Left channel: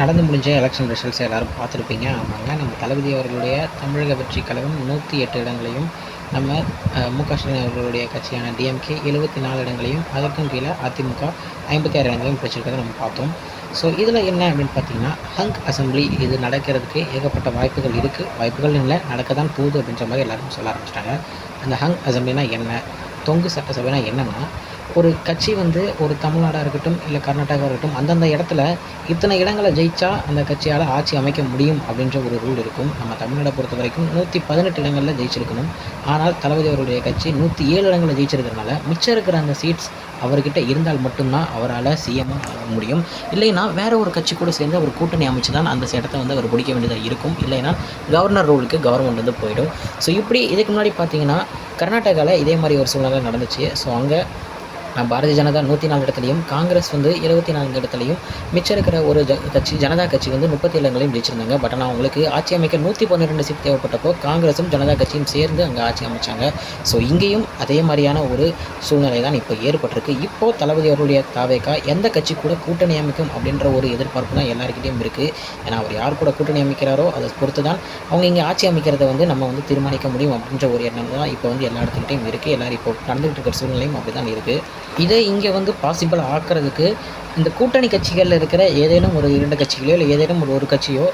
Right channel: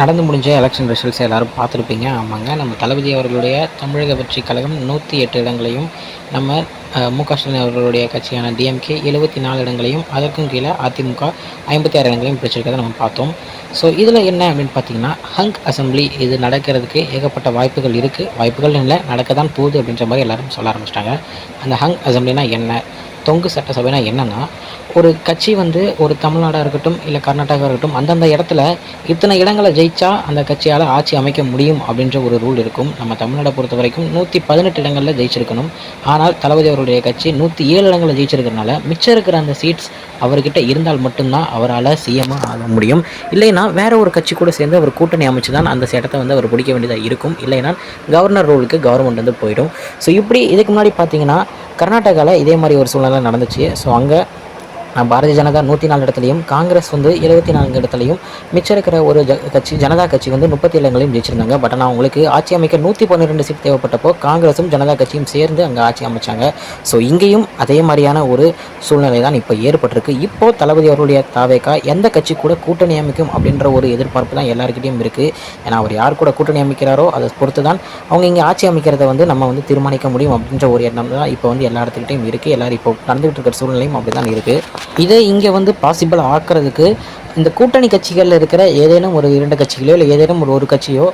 நடந்து முடிஞ்ச election results எல்லாரும் பார்த்துருப்பீங்க. ஆமாங்க. நம்ம தளபதி அவர்களுடைய தமிழக வெற்றிக் கழகம் 108 இடங்களையும், நம்ம மு.க. ஸ்டாலின் அவர்களுடைய கட்சியான டிஎம்கே 74 இடங்களையும், அதற்கும் கீழே அதிமுக 56 இடங்களையும் பிடிச்சிருக்கிறத நம்ம பார்த்தோம். ஸோ இதில் என்ன அப்படின்னு பார்த்தீங்கன்னா, ஹங்க் அசெம்பிளி இது நடக்கிறதுக்கு ஏகப்பட்ட வாய்ப்புகள் இருக்குது. வாய்ப்புகள்னு இல்லை, நடக்க தான் போகுது அப்படின்ற மாதிரி எல்லாரும் சொல்ல ஆரம்பிச்சிட்டாங்க. அந்த ஹங்க் அசெம்பிளினா என்ன? தொங்கு சட்டசபைனா என்னென்னா, ஒரு கட்சி வந்து ஒரு தமிழ்நாடாக இருக்கட்டும், இல்லை கர்நாடகாவாக இருக்கட்டும், அந்தந்த இடத்துல இத்தனை இடங்களை ஜெயிச்சா அந்த கட்சியால் ஆட்சி அமைக்க முடியும் அப்படின்ற ஒரு ரூல் இருக்கும். நம்ம தமிழ்நாடை பொறுத்த வரைக்கும் 118 இடங்களில் ஜெயிச்சிருக்கணும். ஆனால் தளபதி அவருடைய கட்சி 107 இடங்களில் ஜெயிச்சிருக்கிறதுனால மிச்சம் இருக்கிற அந்த சீட்ஸ் அவர்கிட்ட இருந்தால் மட்டும்தான் அவரால் சிஎம்மாக ஆக முடியும். இல்லைன்னா வேற ஒரு கட்சி கூட சேர்ந்து அவர் கூட்டணி அமைச்சு தான் அந்த இடத்த வந்து அவர் பிடிக்க வேண்டியதாக இருக்கும். இல்லைன்னா கவர்னர் ரோலுக்கு கவர்மெண்ட் வந்து போயிடும். ஸோ இப்படி இதுக்கு முன்னாடி பார்த்தீங்கன்னா கர்நாடகாவில் இதே மாதிரி ஒரு சூழ்நிலை நடந்துச்சு. ஸோ அங்கே பாரதிய ஜனதா 104 இடத்துலையும், காங்கிரஸ் வந்து 74 இடத்துலையும், மிச்சம் இருக்கிற ஒரு கட்சி ஜனதா கட்சி வந்து 37 இடங்களையும் ஜெயிச்சிருந்தாங்க. பட் ஆனால் அவங்களுக்கு ஆட்சி அமைக்க 112 சீட் தேவைப்பட்டப்போ காங்கிரஸும் ஜனதா கட்சியும் சேர்ந்து அங்கே ஆட்சி அமைச்சாங்க. ஸோ இங்கேயும் அதே மாதிரியான ஒரு சூழ்நிலை தான் இப்போ ஏற்பட்டிருக்கு. இப்போது தளபதி அவருடைய தாவேகா எந்த கட்சி கூட கூட்டணி அமைக்கும் அப்படின்ற ஒரு எதிர்பார்ப்பு தான் எல்லாருக்கிட்டையும் இருக்குது. ஏன்னா அவர் யார் கூட கூட்டணி அமைக்கிறாரோ அதை பொறுத்து தான் அவங்க இங்கே ஆட்சி அமைக்கிறத வந்து நம்ம வந்து தீர்மானிக்க முடியும் அப்படின்ற ஒரு எண்ணம் தான் இப்போ வந்து எல்லா இடத்துக்கிட்டையும் இருக்குது. எல்லோரும் இப்போ நடந்துகிட்டு இருக்கிற சூழ்நிலையும் அப்படி தான் இருக்குது. இதை இங்கே வந்து பாசிபிள் ஆக்கிறதுக்கு இந்த கூட்டணி கட்சிகளில் இருக்கிற ஏதேனும் ஒரு 2 கட்சிகளோ இல்லை ஏதேனும் ஒரு கட்சியோ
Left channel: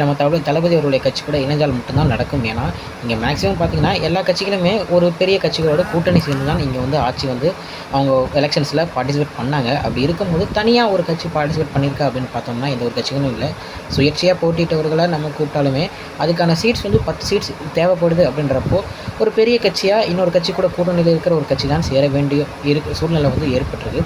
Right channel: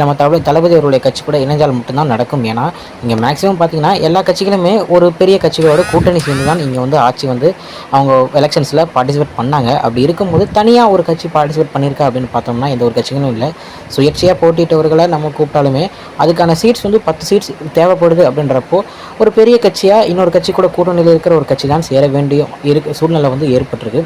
நம்ம தளபதி அவருடைய கட்சி கூட இணைஞ்சால் மட்டும்தான் நடக்கும். ஏன்னா இங்கே மேக்ஸிமம் பார்த்திங்கன்னா எல்லா கட்சிகளுமே ஒரு பெரிய கட்சிகளோட கூட்டணி சேர்ந்து தான் இங்கே வந்து ஆட்சி வந்து அவங்க எலெக்ஷன்ஸில் பார்ட்டிசிபேட் பண்ணாங்க. அப்படி இருக்கும்போது தனியாக ஒரு கட்சி பார்ட்டிசிபேட் பண்ணியிருக்கா அப்படின்னு பார்த்தோம்னா எந்த ஒரு கட்சிகளும் இல்லை. சுயேட்சையாக போட்டியிட்டவர்களை நம்ம கூப்பிட்டாலுமே அதுக்கான சீட்ஸ் வந்து 10 சீட்ஸ் தேவைப்படுது அப்படின்றப்போ ஒரு பெரிய கட்சியாக இன்னொரு கட்சி கூட கூட்டணியில் இருக்கிற ஒரு கட்சி தான் சேர வேண்டிய சூழ்நிலை வந்து ஏற்பட்டிருக்கு.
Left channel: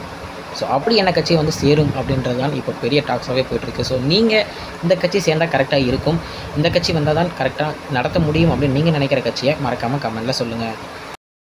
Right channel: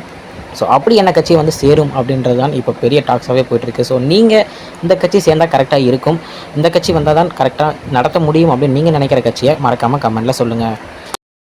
ஸோ அப்படி என்ன கட்சி வந்து சேரும் அப்படின்றது தான் இப்போ பெரிய டாக்ஸாகவே போயிட்டுருக்கு. ஸோ நீங்கள் இந்த கட்சி சேர்ந்தால் கரெக்டாக இருக்கும், இந்த கட்சி வந்தால் தான் கரெக்டாக நடத்த முடியும் அப்படின்னு நீங்கள் நினைக்கிற கட்சியை மறக்காமல் கமெண்ட்டில் சொல்லுங்கள்.